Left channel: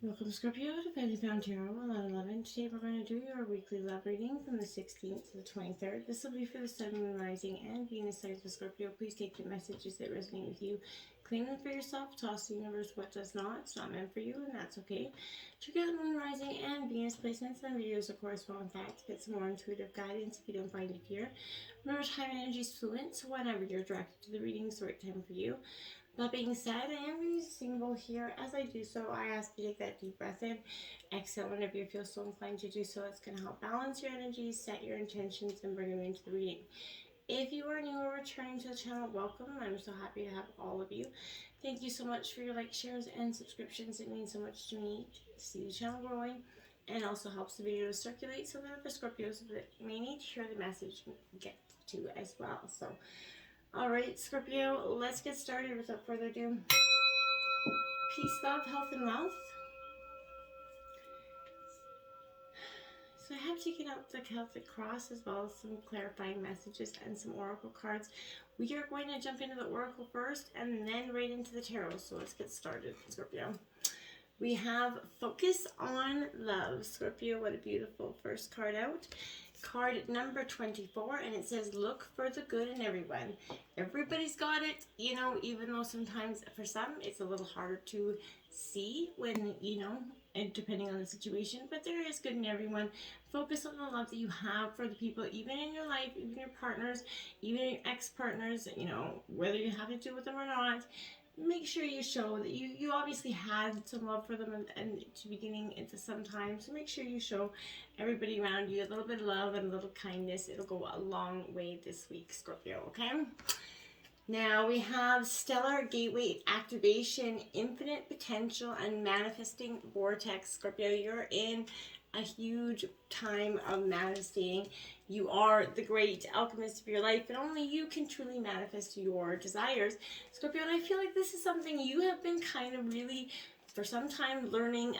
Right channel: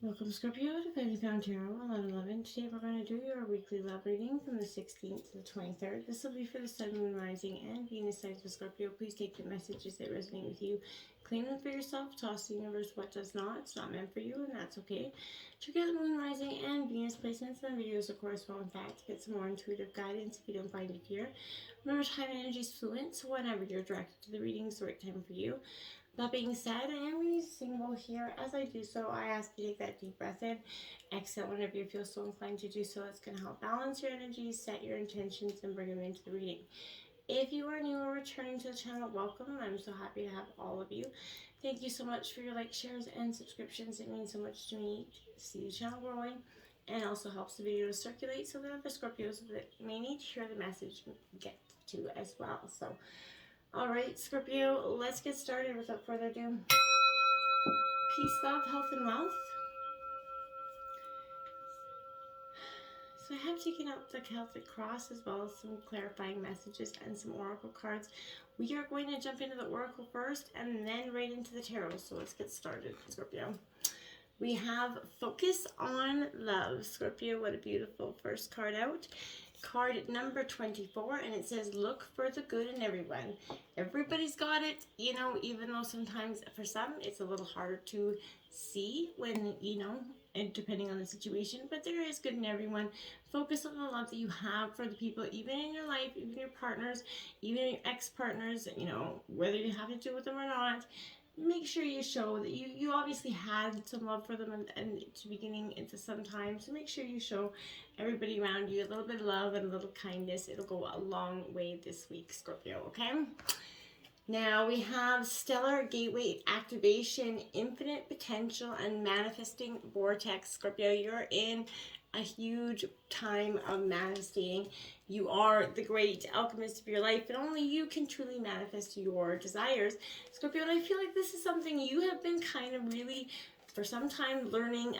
Welcome, Scorpio, to Family Found Tarot 1111. Today we're going to do your weekly love reading from the 16th to the 23rd. This will be for the Sun, Moon, Rising, and Venus signs of Scorpio. Please take the messages that resonate with you, claim them for yourself, toss the universe what does not. It's not meant for you, and that's okay. Check out the Moon, Rising, and Venus placements and videos that correspond with that to get some more intuitive guidance if you don't find it here. Remember, time and energy is fluent, so whenever you're directed to the reading, it's the right time for you. That being said, I am going to use symbol here. As I do so, I ask you to take that deep breath in. Exhale whenever you feel so inclined to do so. It's going to help balance your energy, set your intentions, and bring them into the reading. If you are new or returning to the channel, welcome. I'm so happy to have all of you. Thank you so much for your likes, shares, and subscriptions. It means so much to me to see the channel growing, and also helps the video to circulate so that other Scorpios that may need to hear the message get to as well. So, alright, Scorpio, let's get started without further ado. Peace, love, health, and wealth. So I have taken out the Celtic Cross as well as some clarifying messages and some oracle cards. We are going to jump into the oracle first and then right into the tarot. So let's get started, Scorpio. We have Focus on Love. Scorpio, what a beautiful first card out. Card number 24, and it says, look for the good in everyone. Everybody's got it, you know, even though sometimes for some it's a little harder to see when, you know, and depending on the situation, but there is good in everyone. Focus on the love that you have for the people, even in your life, even your partners, even your ex-partners, you know, whether you have to do with them or not. Make sure you show that you obviously had some love for them and to beginning into some time. So make sure you show everybody around you a little bit of love and a little kindness. It'll go a long way this week, Scorpio, okay? Now we have Stellar Gateway Activation, Infinite Potential, and Manifesting Vortex. Scorpio, you're in a huge time of manifesting. You are the great alchemist of your life, and only you can truly manifest your desires. Scorpio, and I feel like this is something you have been kind of really for some time learning,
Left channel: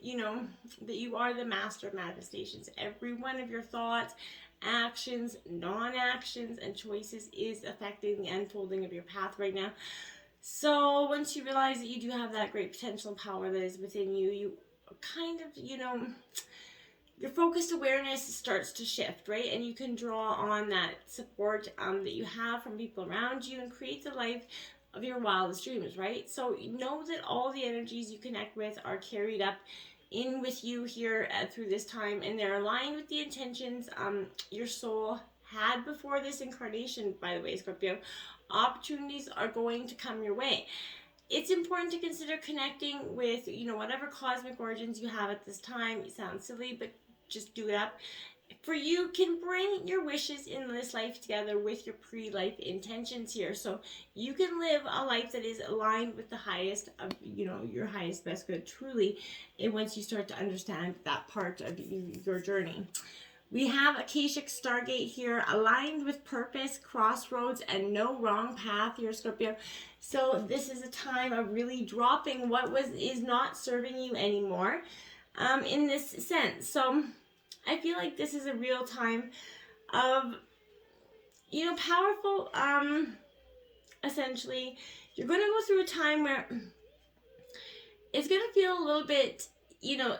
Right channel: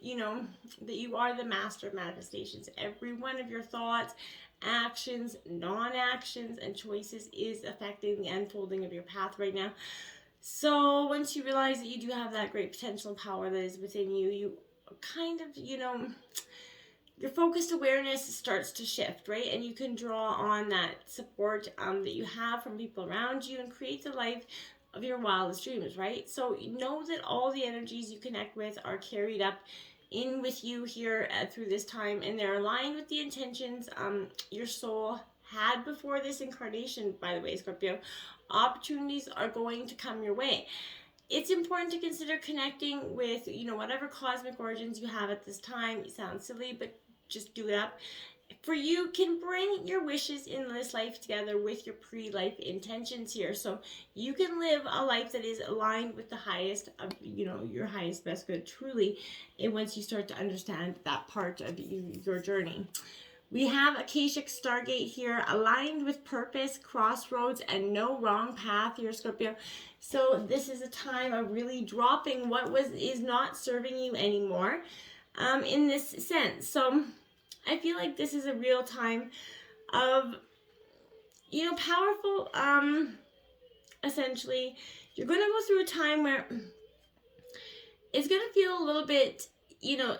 you know, that you are the master of manifestations. Every one of your thoughts, actions, non-actions, and choices is affecting the unfolding of your path right now. So once you realize that you do have that great potential and power that is within you, you kind of, you know, your focused awareness starts to shift, right? And you can draw on that support that you have from people around you and create the life of your wildest dreams, right? So know that all the energies you connect with are carried up in with you here through this time, and they're aligned with the intentions your soul had before this incarnation. By the way, Scorpio, opportunities are going to come your way. It's important to consider connecting with, you know, whatever cosmic origins you have at this time. It sounds silly, but just do that. For you can bring your wishes in this life together with your pre-life intentions here, so you can live a life that is aligned with the highest of, you know, your highest best good truly, and once you start to understand that part of your journey. We have Akashic Stargate here, aligned with purpose, crossroads, and no wrong path here, Scorpio. So this is a time of really dropping what is not serving you anymore, in this sense. So I feel like this is a real time of, you know, powerful, essentially, you're going to go through a time where it's going to feel a little bit, you know,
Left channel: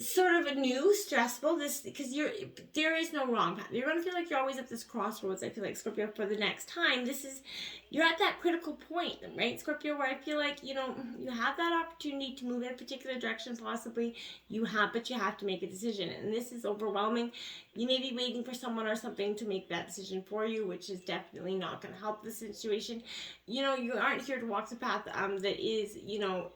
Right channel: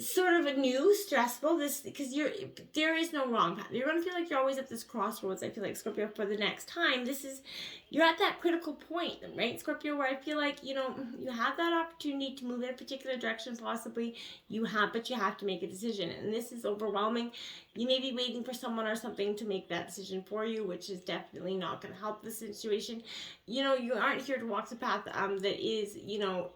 sort of a new stressful, this because there is no wrong path. You're going to feel like you're always at this crossroads. I feel like, Scorpio, for the next time, you're at that critical point, right, Scorpio, where I feel like, you know, you have that opportunity to move in a particular direction, possibly but you have to make a decision, and this is overwhelming. You may be waiting for someone or something to make that decision for you, which is definitely not going to help the situation. You know, you aren't here to walk the path that is, you know,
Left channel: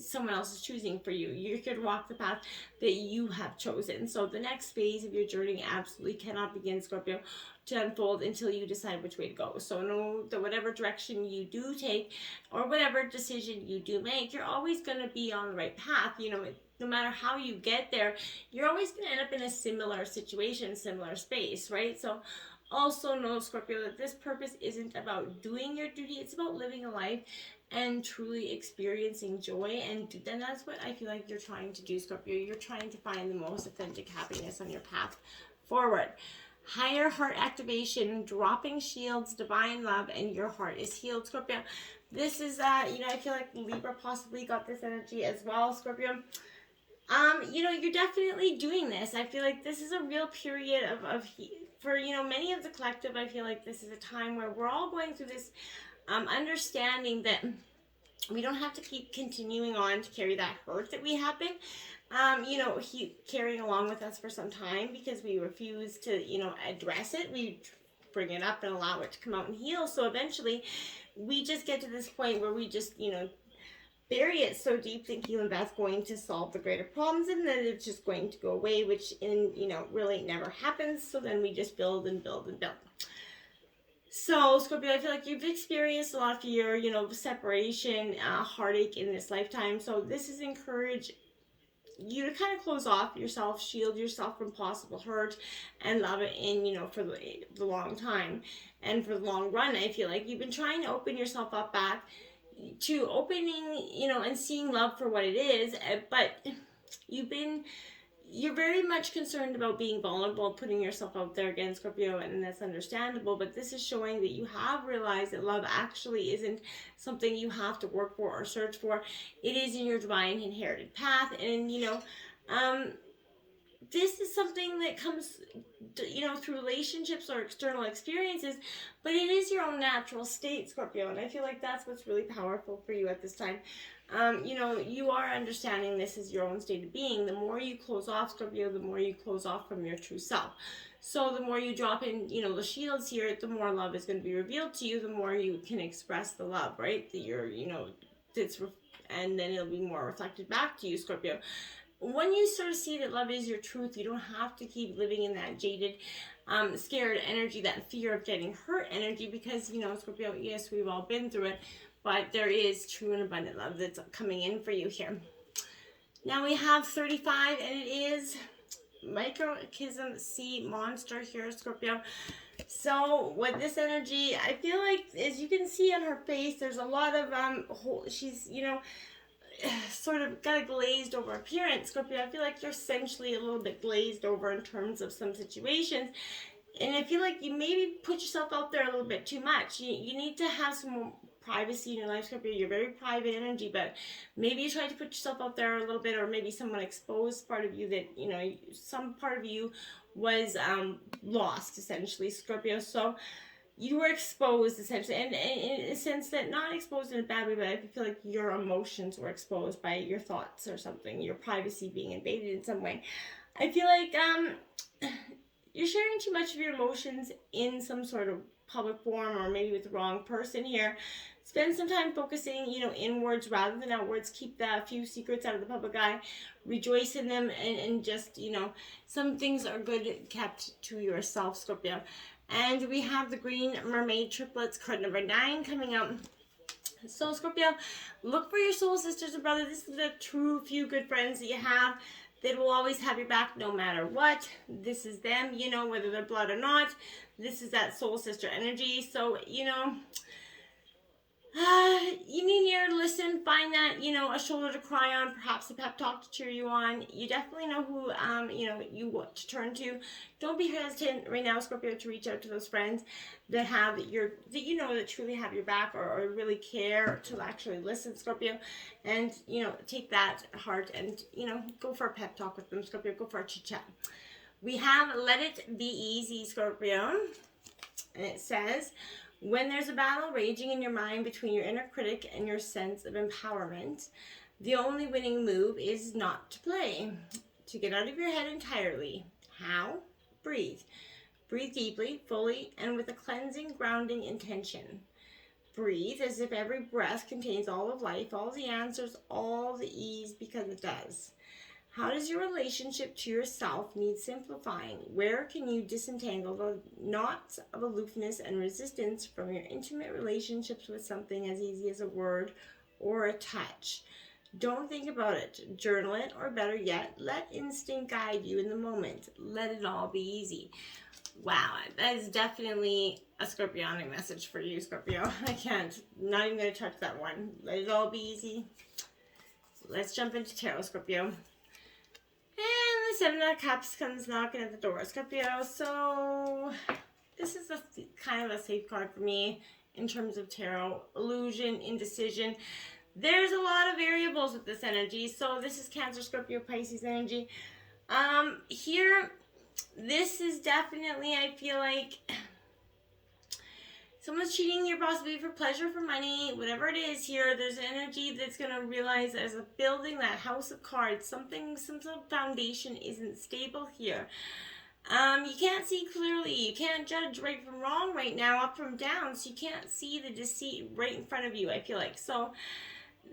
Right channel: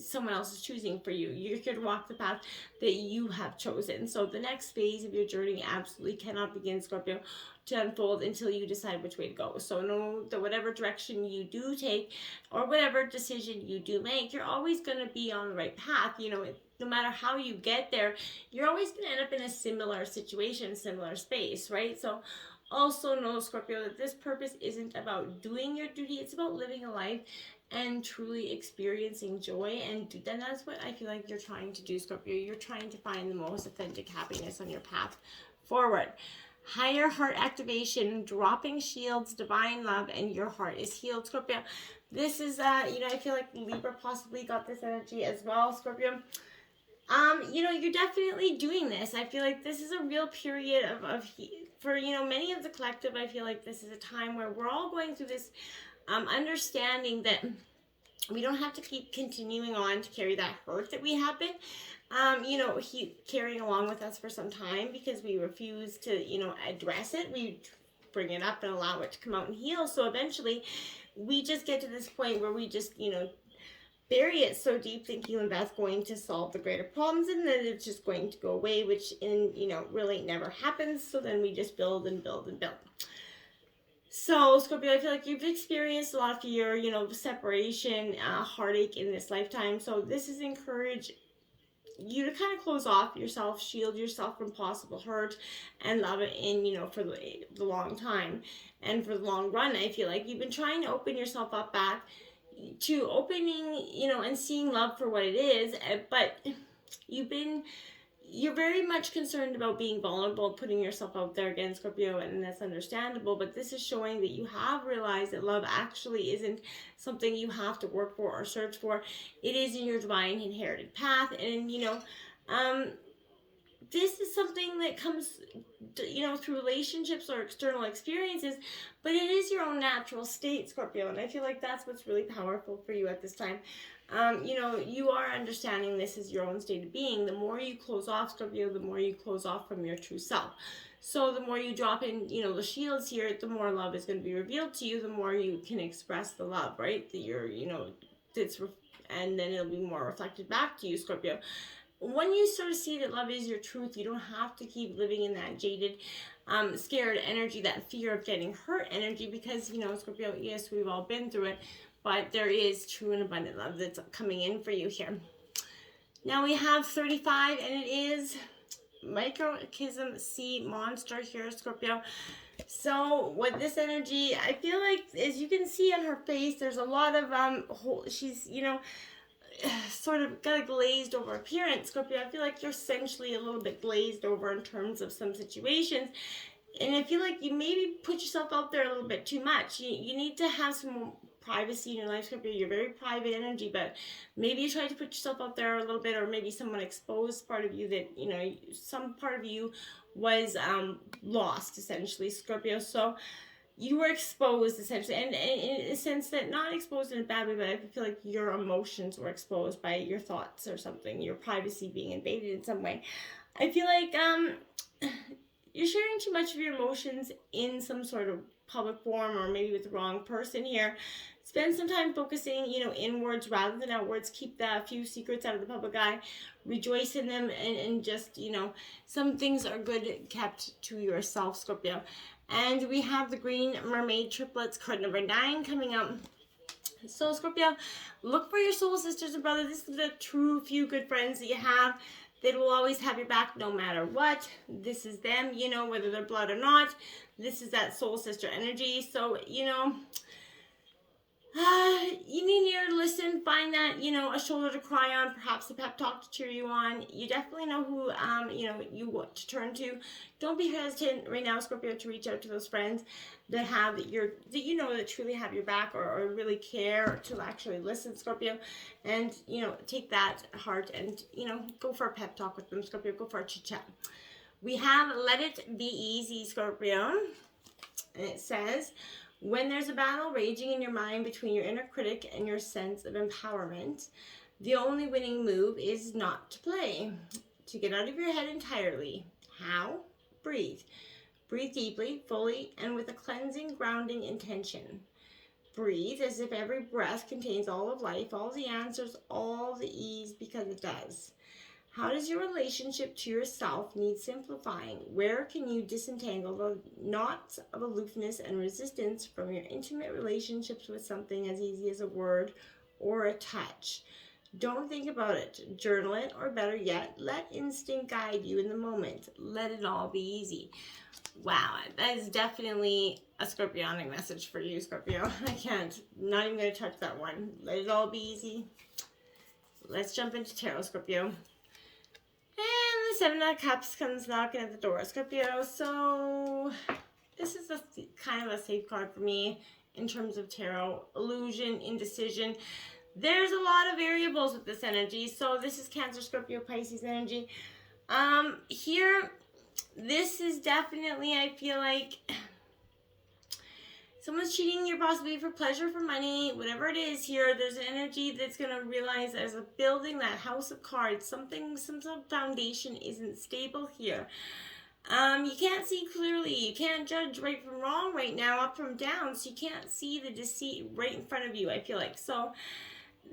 someone else is choosing for you. You're here to walk the path that you have chosen. So the next phase of your journey absolutely cannot begin, Scorpio, to unfold until you decide which way to go. So know that whatever direction you do take or whatever decision you do make, you're always going to be on the right path. You know, no matter how you get there, you're always going to end up in a similar situation, similar space, right? So also know, Scorpio, that this purpose isn't about doing your duty. It's about living a life and truly experiencing joy, and then that's what I feel like you're trying to do, Scorpio. You're trying to find the most authentic happiness on your path forward. Higher heart activation, dropping shields, divine love, and your heart is healed, Scorpio. This is, you know, I feel like Libra possibly got this energy as well, Scorpio. You know, you're definitely doing this. I feel like this is a real period for, you know, many of the collective. I feel like this is a time where we're all going through this understanding that we don't have to keep continuing on to carry that hurt that we have been, you know, carrying along with us for some time because we refuse to, you know, address it. We bring it up and allow it to come out and heal. So eventually we just get to this point where we just, you know, bury it so deep thinking that's going to solve the greater problems, and then it's just going to go away, which you know, really never happens. So then we just build and build and build. So Scorpio, I feel like you've experienced a lot of fear, you know, separation, heartache in this lifetime. So this is encourage you to kind of close off yourself, shield yourself from possible hurt, and love it in, you know, for the long time and for the long run. I feel like you've been trying to open yourself up back to opening, you know, and seeing love for what it is, but you're very much concerned about being vulnerable, putting yourself out there again, Scorpio, and that's understandable, but this is showing that you have realized that love actually isn't something you have to work for or search for. It is in your divine inherited path, and, you know, this is something that comes, you know, through relationships or external experiences, but it is your own natural state, Scorpio, and I feel like that's what's really powerful for you at this time. You know, you are understanding this is your own state of being. The more you close off, Scorpio, the more you close off from your true self. So the more you drop in, you know, the shields here, the more love is going to be revealed to you, the more you can express the love, right? That you're, you know, and then it'll be more reflected back to you, Scorpio. When you sort of see that love is your truth, you don't have to keep living in that jaded, scared energy, that fear of getting hurt energy, because, you know, Scorpio, yes, we've all been through it, but there is true and abundant love that's coming in for you here. Now we have 35, and it is Microchism Sea Monster here, Scorpio. So with this energy, I feel like, as you can see on her face, there's a lot of, she's, you know, sort of got a glazed over appearance, Scorpio. I feel like you're essentially a little bit glazed over in terms of some situations, and I feel like you maybe put yourself out there a little bit too much. You need to have some more privacy in your life, Scorpio. You're very private energy, but maybe you try to put yourself out there a little bit, or maybe someone exposed part of you that, you know, some part of you was lost, essentially, Scorpio. So you were exposed, essentially, and in a sense that, not exposed in a bad way, but I feel like your emotions were exposed by your thoughts or something, your privacy being invaded in some way. I feel like you're sharing too much of your emotions in some sort of public forum, or maybe with the wrong person here. Spend some time focusing, you know, inwards rather than outwards. Keep the few secrets out of the public eye. Rejoice in them, and just, you know, some things are good kept to yourself, Scorpio. And we have the Green Mermaid Triplets, card number 9, coming up. So, Scorpio, look for your soul sisters and brothers. This is the true few good friends that you have that will always have your back no matter what. This is them, you know, whether they're blood or not. This is that soul sister energy. So, you know, you need an ear to listen, find that, you know, a shoulder to cry on, perhaps a pep talk to cheer you on. You definitely know who, you know, you want to turn to. Don't be hesitant right now, Scorpio, to reach out to those friends that have that you know, that truly have your back, or really care to actually listen, Scorpio, and, you know, take that heart and, you know, go for a pep talk with them, Scorpio. Go for a chit chat. We have Let It Be Easy, Scorpio, and it says, when there's a battle raging in your mind between your inner critic and your sense of empowerment, the only winning move is not to play, to get out of your head entirely. How? Breathe. Breathe deeply, fully, and with a cleansing, grounding intention. Breathe as if every breath contains all of life, all the answers, all the ease, because it does. How does your relationship to yourself need simplifying? Where can you disentangle the knots of aloofness and resistance from your intimate relationships with something as easy as a word or a touch? Don't think about it. Journal it, or better yet, let instinct guide you in the moment. Let it all be easy. Wow, that is definitely a Scorpionic message for you, Scorpio. Not even going to touch that one. Let it all be easy. Let's jump into tarot, Scorpio. And the Seven of Cups comes knocking at the door, Scorpio. So this is kind of a safe card for me. in terms of tarot. Illusion, indecision. There's a lot of variables with this energy. So this is Cancer, Scorpio, Pisces energy. Here, this is definitely, I feel like, someone's cheating you possibly for pleasure, for money, whatever it is here. There's an energy that's going to realize there's a building, that house of cards, some sort of foundation isn't stable here. You can't see clearly. You can't judge right from wrong right now, up from down. So you can't see the deceit right in front of you, I feel like. So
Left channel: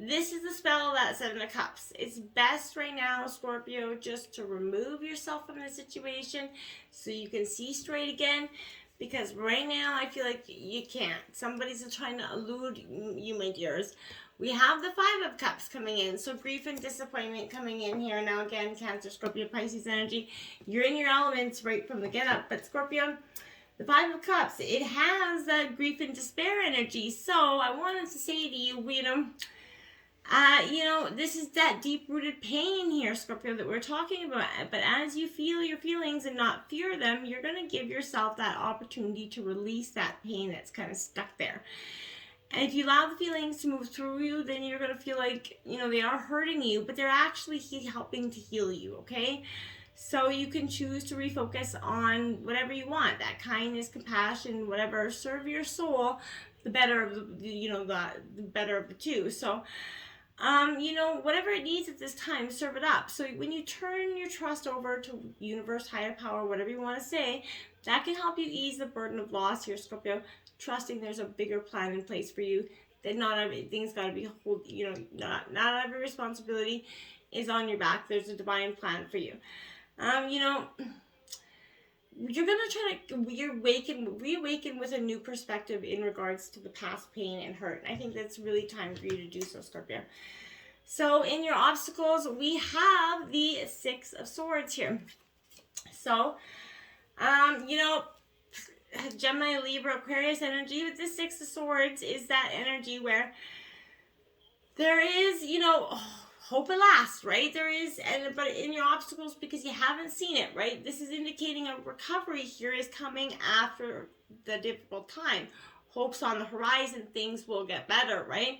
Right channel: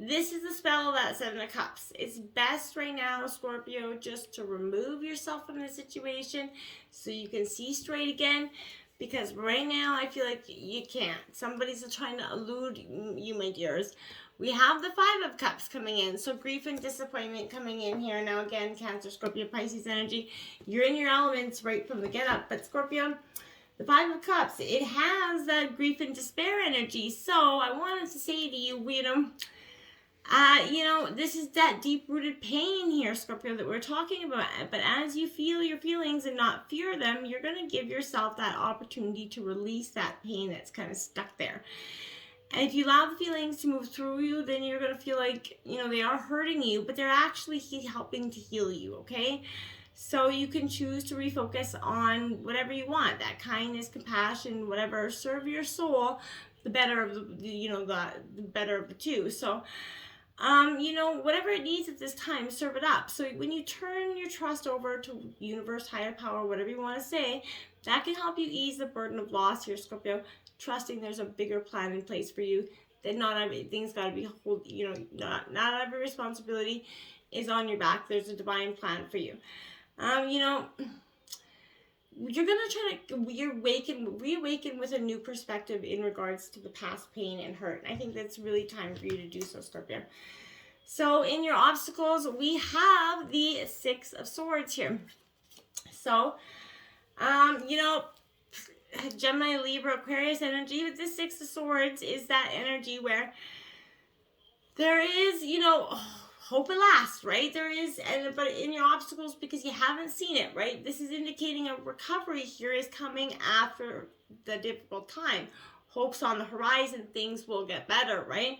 this is the spell of that Seven of Cups. It's best right now, Scorpio, just to remove yourself from the situation so you can see straight again. Because right now, I feel like you can't. Somebody's trying to elude you, my dears. We have the Five of Cups coming in. So grief and disappointment coming in here. Now again, Cancer, Scorpio, Pisces energy. You're in your elements right from the get-up. But Scorpio, the Five of Cups, it has that grief and despair energy. So I wanted to say to you, this is that deep-rooted pain here, Scorpio, that we're talking about. But as you feel your feelings and not fear them, you're going to give yourself that opportunity to release that pain that's kind of stuck there. And if you allow the feelings to move through you, then you're going to feel like, they are hurting you, but they're actually helping to heal you, okay? So you can choose to refocus on whatever you want, that kindness, compassion, whatever, serve your soul, the better of the better of the two. So, whatever it needs at this time, serve it up. So when you turn your trust over to universe, higher power, whatever you want to say, that can help you ease the burden of loss here, Scorpio. Trusting there's a bigger plan in place for you, that not everything's got to be not every responsibility is on your back. There's a divine plan for you. You're going to try to reawaken with a new perspective in regards to the past pain and hurt. I think that's really time for you to do so, Scorpio. So in your obstacles, we have the Six of Swords here. So, Gemini, Libra, Aquarius energy with the Six of Swords is that energy where there is, hope at last, right? There is, but in your obstacles, because you haven't seen it, right? This is indicating a recovery here is coming after the difficult time. Hope's on the horizon, things will get better, right?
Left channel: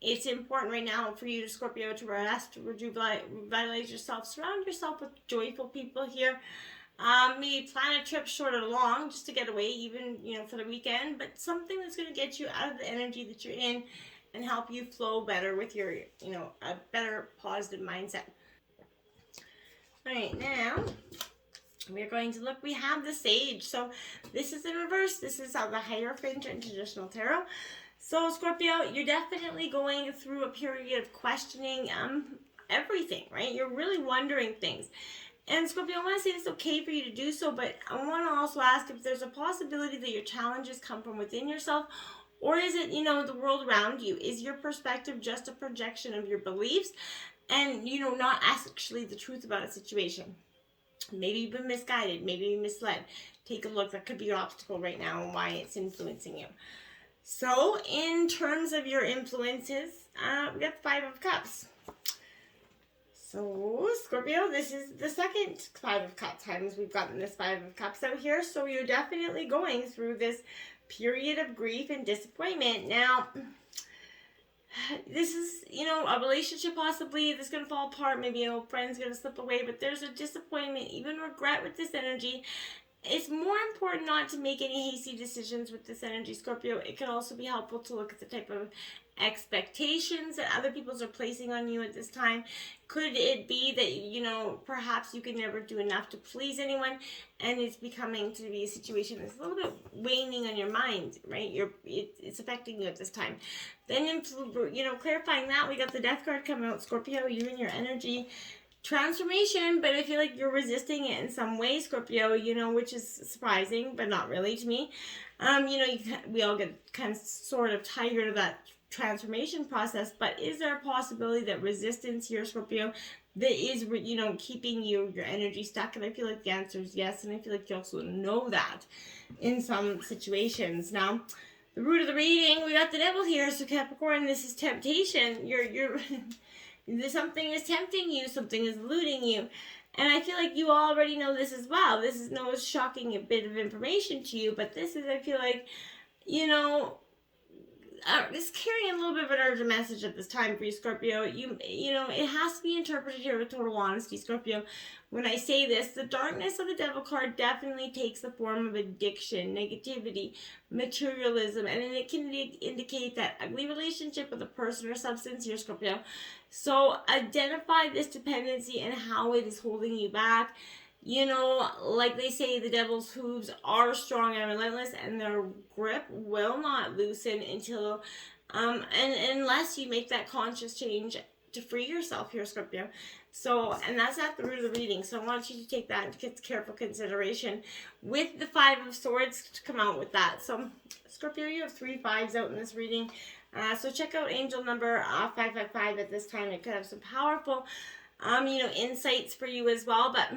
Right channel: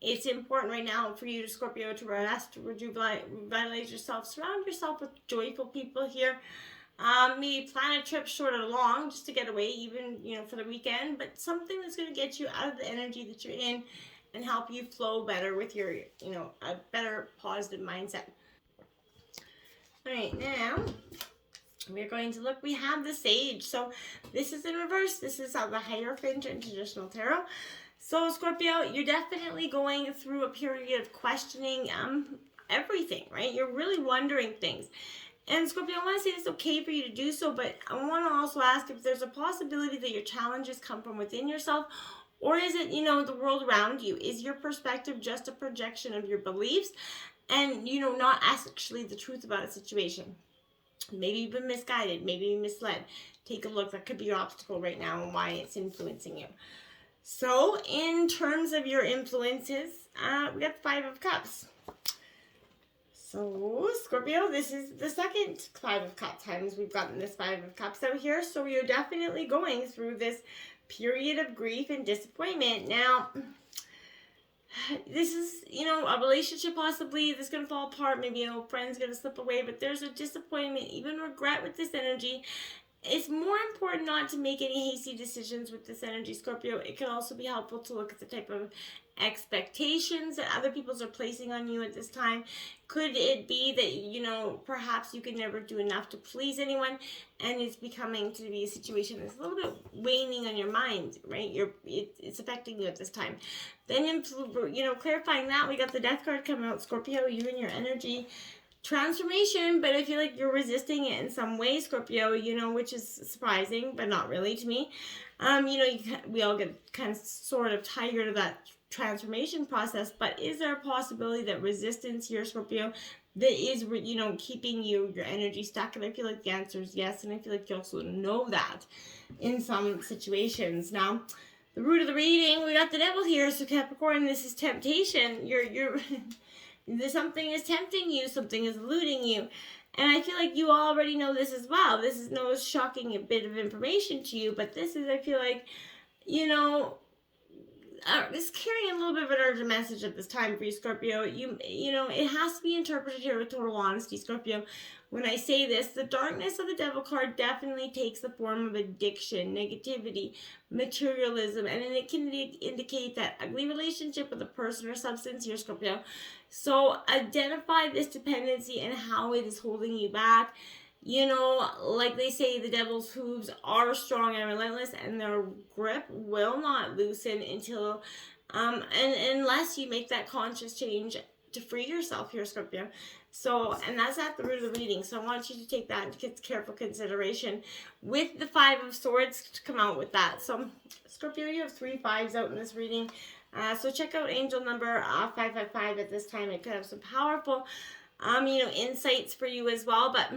It's important right now for you, Scorpio, to rest, to revitalize yourself, surround yourself with joyful people here. Maybe plan a trip short or long just to get away, even, for the weekend, but something that's going to get you out of the energy that you're in and help you flow better with your, a better positive mindset. All right, now we're going to look. We have the Sage. So this is in reverse. This is the Hierophant in traditional tarot. So Scorpio, you're definitely going through a period of questioning everything, right? You're really wondering things. And Scorpio, I want to say it's okay for you to do so, but I want to also ask if there's a possibility that your challenges come from within yourself, or is it, the world around you? Is your perspective just a projection of your beliefs and, not actually the truth about a situation? Maybe you've been misguided, maybe you're misled. Take a look. That could be your obstacle right now and why it's influencing you. So in terms of your influences, we got the Five of Cups. So, Scorpio, this is the second Five of Cups times we've gotten this Five of Cups out here. So you're definitely going through this period of grief and disappointment. Now, this is, a relationship possibly that's going to fall apart. Maybe an old friend's going to slip away. But there's a disappointment, even regret with this energy. It's more important not to make any hasty decisions with this energy, Scorpio. It can also be helpful to look at the type of expectations that other people are placing on you at this time. Could it be that, perhaps you can never do enough to please anyone, and it's becoming to be a situation that's a little bit waning on your mind, right? It's affecting you at this time. Then, clarifying that, we got the Death card coming out, Scorpio, you and your energy. Transformation, but I feel like you're resisting it in some way, Scorpio, which is surprising, but not really to me. We all get kind of sort of tired of that transformation process, but is there a possibility that resistance here, Scorpio, that is, keeping your energy stuck? And I feel like the answer is yes, and I feel like you also know that in some situations. Now, the root of the reading, we got the Devil here, so Capricorn, this is temptation. You're something is tempting you, something is eluding you. And I feel like you already know this as well. This is no shocking bit of information to you, but this is, I feel like, this carrying a little bit of an urgent message at this time for you, Scorpio. You know, it has to be interpreted here with total honesty, Scorpio. When I say this, the darkness of the Devil card definitely takes the form of addiction, negativity, materialism, and it can indicate that ugly relationship with a person or substance here, Scorpio. So identify this dependency and how it is holding you back. You know, like they say, the devil's hooves are strong and relentless, and their grip will not loosen until, and unless you make that conscious change to free yourself here, Scorpio. So, and that's at the root of the reading. So I want you to take that into careful consideration with the Five of Swords to come out with that. So, Scorpio, you have 3 5s out in this reading. So check out angel number 555 at this time. It could have some powerful, you know, insights for you as well. But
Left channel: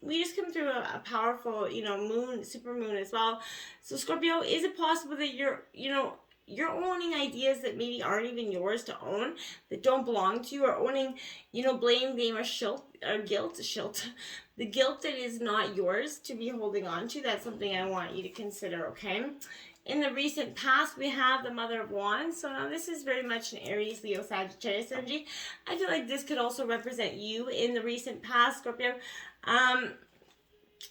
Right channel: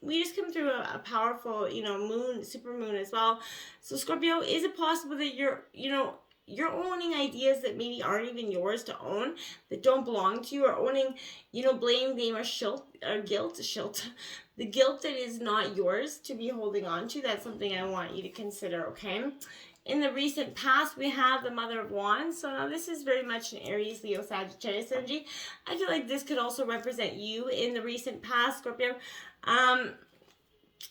we just come through a powerful, you know, moon, super moon as well. So Scorpio, is it possible that you're owning ideas that maybe aren't even yours to own, that don't belong to you, or owning, you know, blame, game, or guilt, the guilt that is not yours to be holding on to? That's something I want you to consider, okay? In the recent past, we have the Mother of Wands. So now this is very much an Aries, Leo, Sagittarius energy. I feel like this could also represent you in the recent past, Scorpio.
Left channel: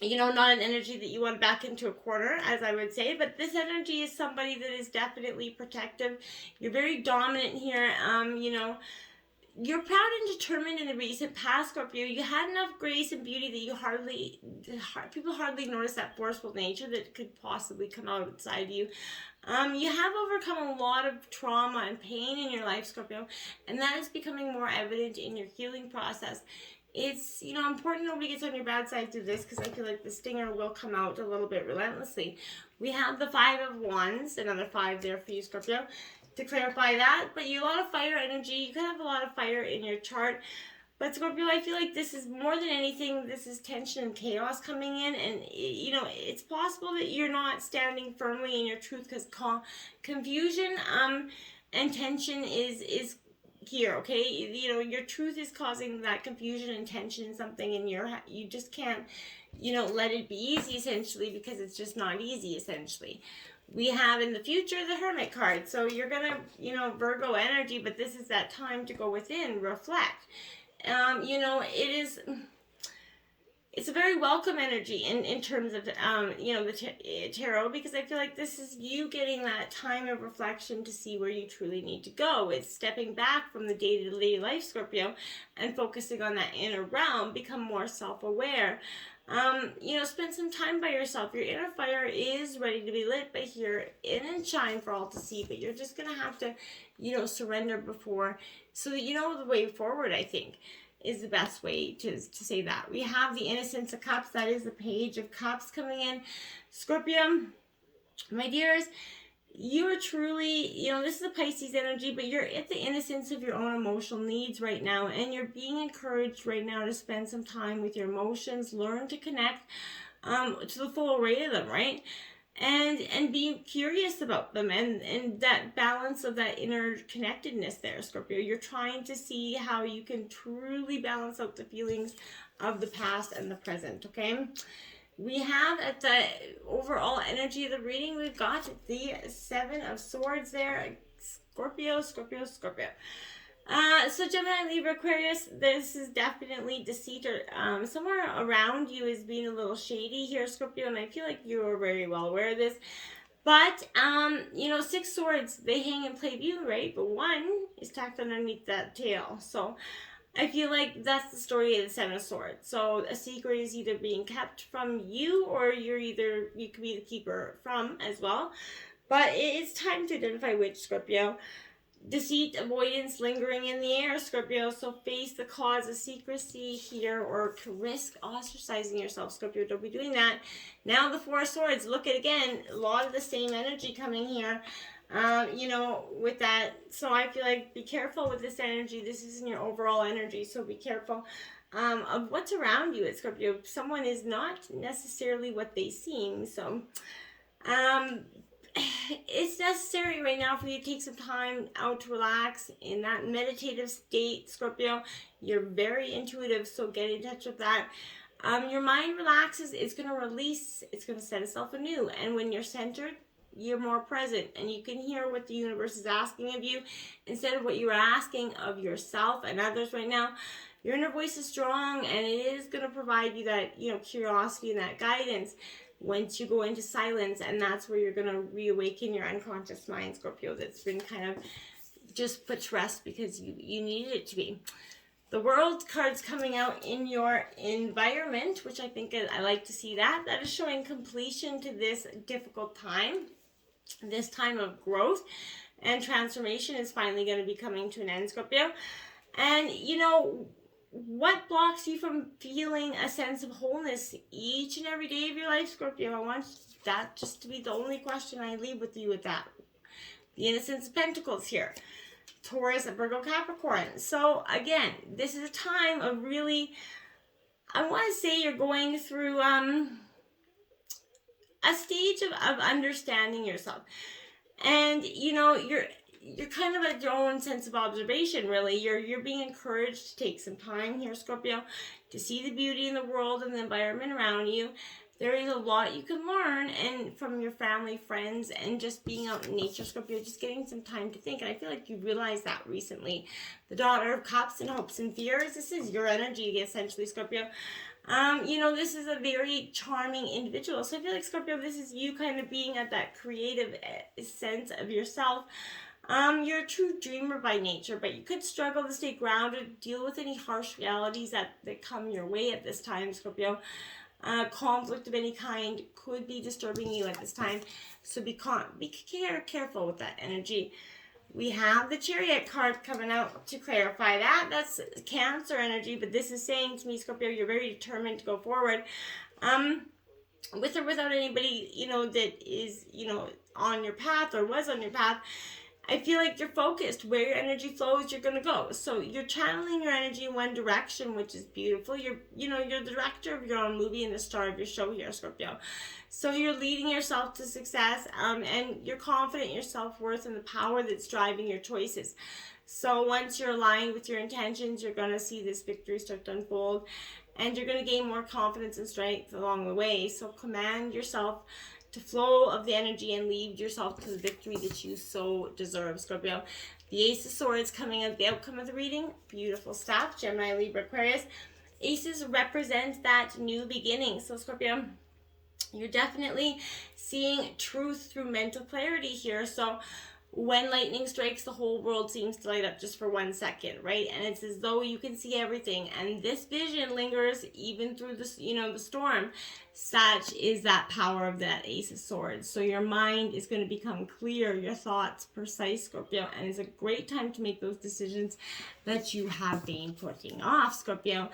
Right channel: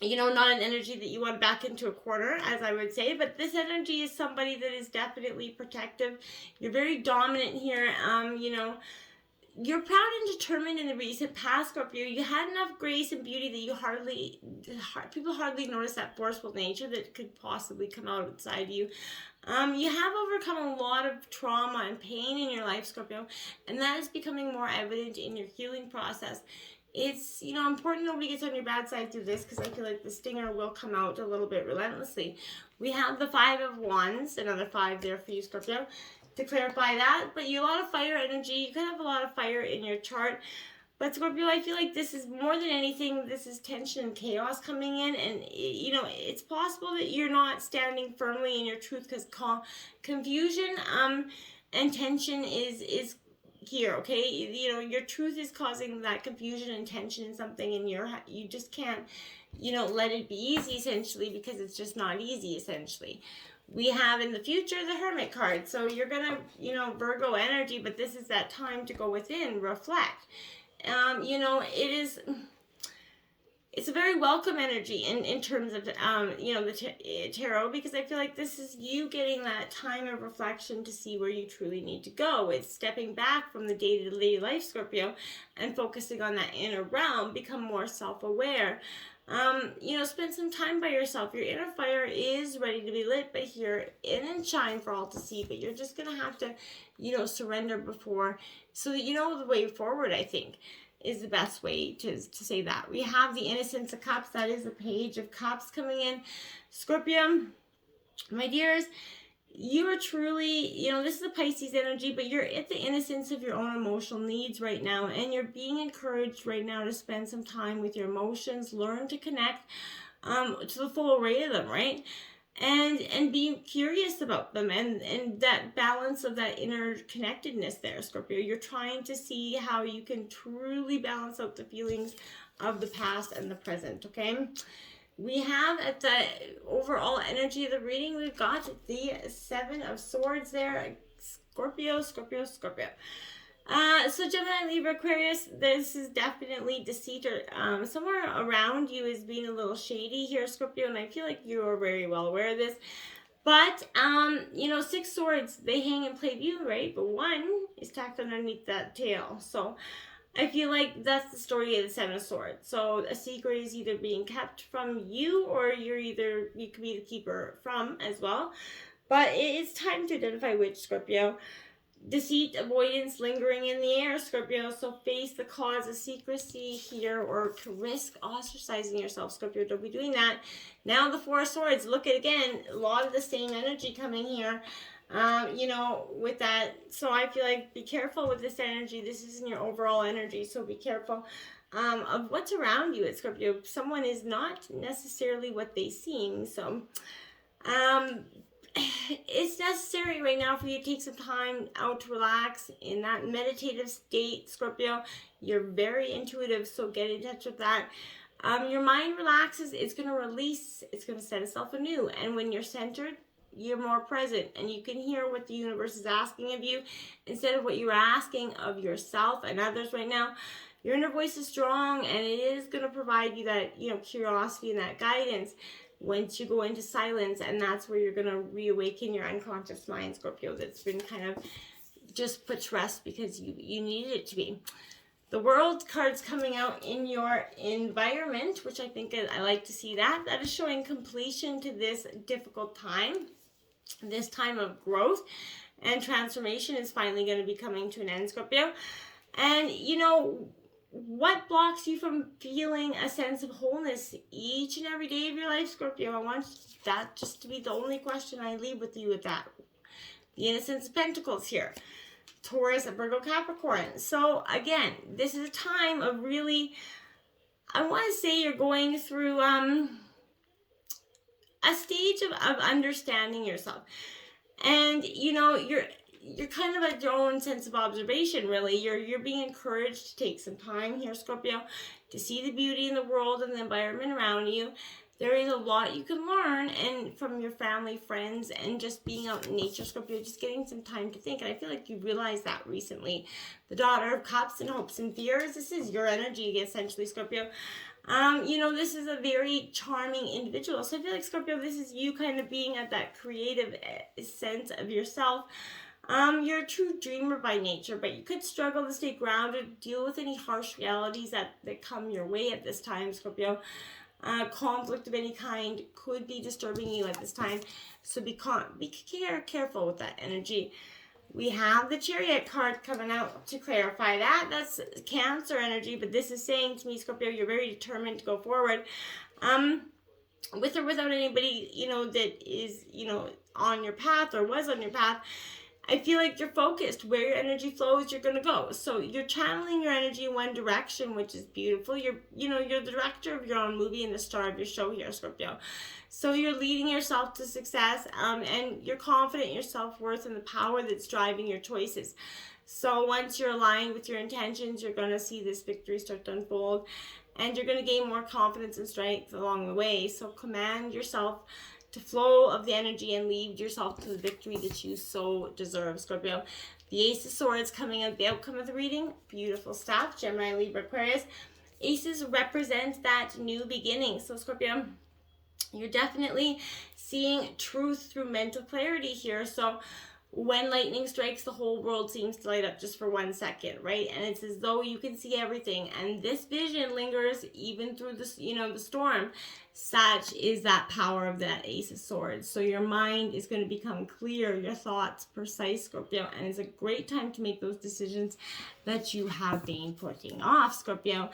You know, not an energy that you want back into a corner, as I would say, but this energy is somebody that is definitely protective. You're very dominant here. You know, you're proud and determined in the recent past, Scorpio. You had enough grace and beauty that people hardly notice that forceful nature that could possibly come outside you. You have overcome a lot of trauma and pain in your life, Scorpio, and that is becoming more evident in your healing process. It's, you know, important nobody gets on your bad side through this, because I feel like the stinger will come out a little bit relentlessly. We have the Five of Wands, another 5 there for you, Scorpio, to clarify that. But you have a lot of fire energy. You could have a lot of fire in your chart. But Scorpio, I feel like this is more than anything, this is tension and chaos coming in. And, you know, it's possible that you're not standing firmly in your truth, because confusion and tension is here, okay? You know, your truth is causing that confusion and tension in something, and you just can't, you know, let it be easy, essentially, because it's just not easy, essentially. We have in the future the Hermit card. So you're gonna, you know, Virgo energy, but this is that time to go within, reflect. You know, it's a very welcome energy in terms of, you know, the tarot, because I feel like this is you getting that time of reflection to see where you truly need to go. It's stepping back from the day-to-day life, Scorpio, and focusing on that inner realm, become more self-aware. You know, spend some time by yourself. Your inner fire is ready to be lit, but here in and shine for all to see. But you're just going to have to, you know, surrender before, so that you know the way forward, I think, is the best way to say that. We have the Innocence of Cups. That is the Page of Cups coming in. Scorpio, my dears, you are truly, you know, this is the Pisces energy, but you're at the innocence of your own emotional needs right now, and you're being encouraged right now to spend some time with your emotions, learn to connect to the full array of them, right? And be curious about them, and that balance of that interconnectedness there, Scorpio. You're trying to see how you can truly balance out the feelings of the past and the present, okay? We have at the overall energy of the reading, we've got the Seven of Swords there. Scorpio. So Gemini, Libra, Aquarius, this is definitely deceit, or somewhere around you is being a little shady here, Scorpio, and I feel like you are very well aware of this. But, you know, 6 swords, they hang in plain view, right? But 1 is tacked underneath that tail. So I feel like that's the story of the Seven of Swords. So a secret is either being kept from you, or you could be the keeper from as well. But it's time to identify which, Scorpio. Deceit, avoidance, lingering in the air, Scorpio. So face the cause of secrecy here, or to risk ostracizing yourself, Scorpio. Don't be doing that. Now the Four of Swords. Look at, again, a lot of the same energy coming here. You know, with that. So I feel like be careful with this energy. This isn't your overall energy, so be careful of what's around you at Scorpio. Someone is not necessarily what they seem. So it's necessary right now for you to take some time out to relax in that meditative state, Scorpio. You're very intuitive, so get in touch with that. Your mind relaxes, it's going to release, it's going to set itself anew. And when you're centered, you're more present, and you can hear what the universe is asking of you instead of what you're asking of yourself and others right now. Your inner voice is strong, and it is going to provide you that, curiosity and that guidance once you go into silence, and that's where you're going to reawaken your unconscious mind, Scorpio, that's been kind of just put to rest because you needed it to be. The World card's coming out in your environment, which I think I like to see that. That is showing completion to this difficult time. This time of growth and transformation is finally going to be coming to an end, Scorpio. And, what blocks you from feeling a sense of wholeness each and every day of your life, Scorpio? I want that just to be the only question I leave with you with that. The Innocence of Pentacles here. Taurus, Virgo, Capricorn. So again, this is a time of really, I want to say you're going through a stage of understanding yourself. And, you're kind of at your own sense of observation, really. You're being encouraged to take some time here, Scorpio, to see the beauty in the world and the environment around you. There is a lot you can learn and from your family, friends, and just being out in nature, Scorpio, just getting some time to think. And I feel like you realized that recently. The Daughter of Cups and Hopes and Fears. This is your energy, essentially, Scorpio. This is a very charming individual. So I feel like, Scorpio, this is you kind of being at that creative sense of yourself. You're a true dreamer by nature, but you could struggle to stay grounded, deal with any harsh realities that come your way at this time, Scorpio. Conflict of any kind could be disturbing you at this time, so be careful with that energy. We have the Chariot card coming out to clarify that. That's Cancer energy, but this is saying to me, Scorpio, you're very determined to go forward. With or without anybody, that is, on your path or was on your path. I feel like you're focused. Where your energy flows, you're going to go. So you're channeling your energy in one direction, which is beautiful. You're the director of your own movie and the star of your show here, Scorpio. So you're leading yourself to success, and you're confident in your self-worth and the power that's driving your choices. So once you're aligned with your intentions, you're going to see this victory start to unfold, and you're going to gain more confidence and strength along the way. So command yourself to flow of the energy and lead yourself to the victory that you so deserve, Scorpio. The Ace of Swords coming at the outcome of the reading. Beautiful stuff. Gemini, Libra, Aquarius. Aces represent that new beginning. So, Scorpio, you're definitely seeing truth through mental clarity here. So when lightning strikes, the whole world seems to light up just for 1 second, right? And it's as though you can see everything. And this vision lingers even through the storm. Such is that power of that Ace of Swords. So your mind is going to become clear, your thoughts precise, Scorpio. And it's a great time to make those decisions that you have been putting off, Scorpio.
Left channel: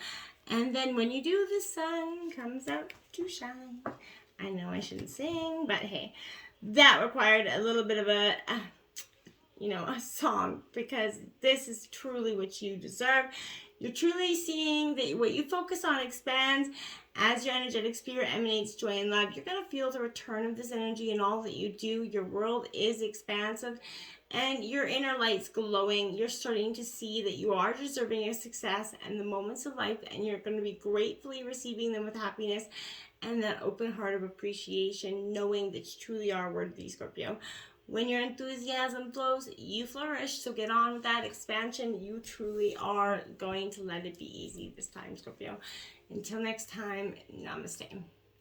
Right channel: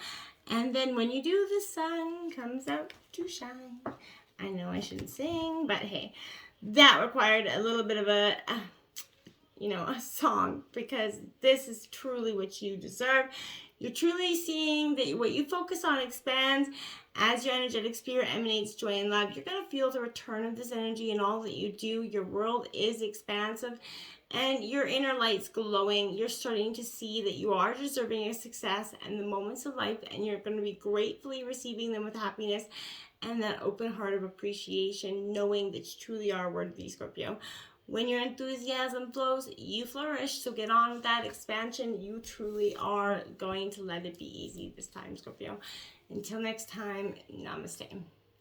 And then when you do, the sun comes out to shine. I know I shouldn't sing, but hey, that required a little bit of a song, because this is truly what you deserve. You're truly seeing that what you focus on expands as your energetic spirit emanates joy and love. You're going to feel the return of this energy in all that you do. Your world is expansive and your inner light's glowing. You're starting to see that you are deserving of success and the moments of life, and you're going to be gratefully receiving them with happiness and that open heart of appreciation, knowing that you truly are worthy, Scorpio. When your enthusiasm flows, you flourish. So get on with that expansion. You truly are going to let it be easy this time, Scorpio. Until next time, namaste.